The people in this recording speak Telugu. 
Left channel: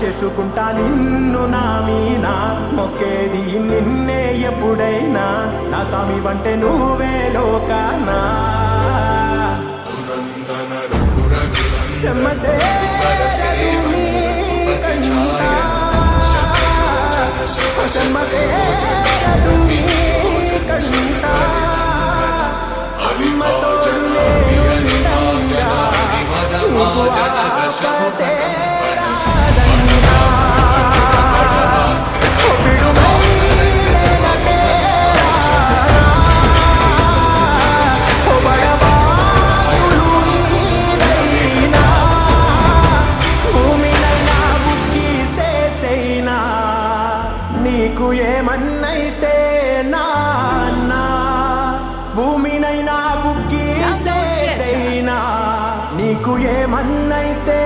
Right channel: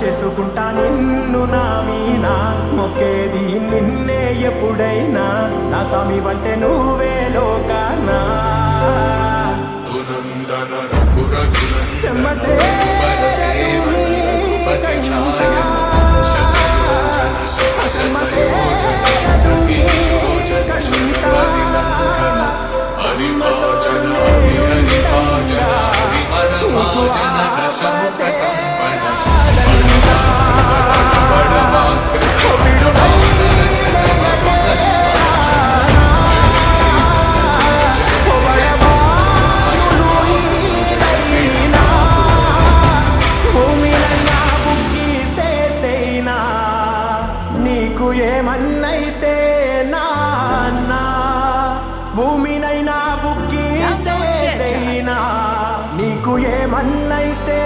చేసుకుంటా నిన్ను నా మీనా మొక్కేది నిన్నే ఎప్పుడైనా నా స్వామి వంటే నువ్వే లోకానా సెమ్మసేరదు మీ కంట సెమ్మసేరదు మీ కంట అమ్మ తోడు నేనుండంగా నీకు ఆపతే రాదంటా బిడుమై నేనటేరానా బడబానులు ఈదైనా భూమినైనా బుక్కి సేసైనా నీకు ఏమన్నైతే నాన్నా భూమినైనా బుక్కి సేసైనా నీకు ఏమన్నైతే